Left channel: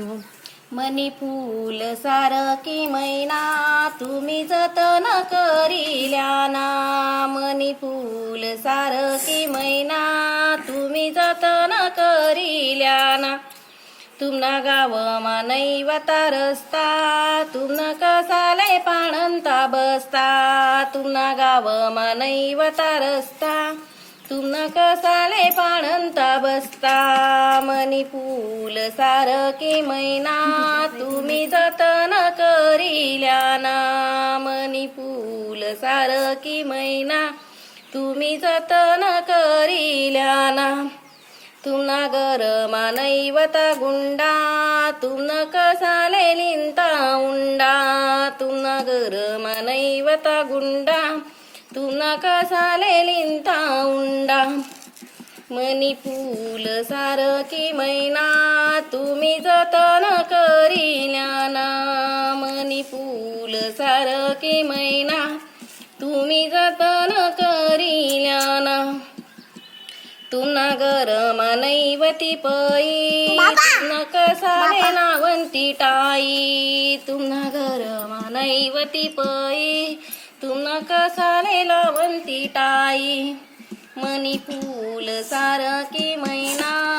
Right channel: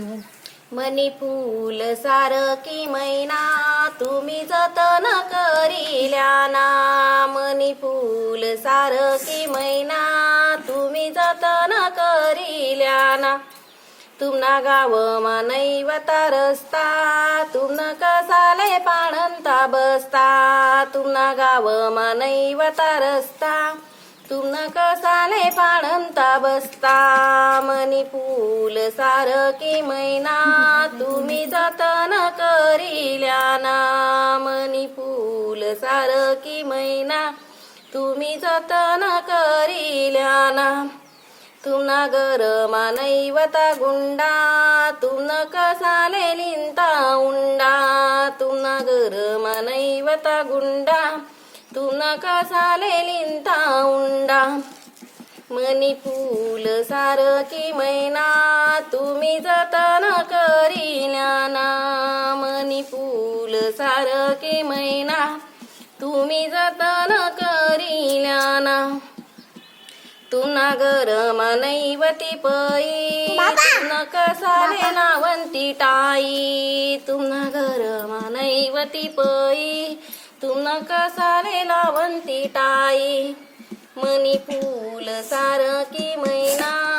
शिवून मनी फूल सारखी मैना तुम्ही जतन करिल्या ना. मनी फूल सारखी मैना तुम्ही जतन करिल्या ना. तुमना गाव नैवता रस्ता तुमन कसाले पाणंता बसता. तुमना गाव नैवता रस्ता तुमन कसा पाणंता बसता मनी फूल सारखी मैना तुम्ही जतन करिल्या ना मनी फूल सारखी मैना तुम्ही जतन करिल्या ना तुमना गर मानैवता गुंडा तुमन कसाले लिंता उंडा तुमना गर मानैवता गुंडा तुमना कसाले लिंता उंडा. मनी फूल सारखी मैना तुम्ही जतन करिल्या ना मनी फूल सारखी मैना तुम्ही जतन करिल्या ना। तुना गरमा नैवती पई तुना कसाले नावंती टाई तुना गरमा नैवती पई तुना कसाले लावंती टाई मनी फूल सारखी मैना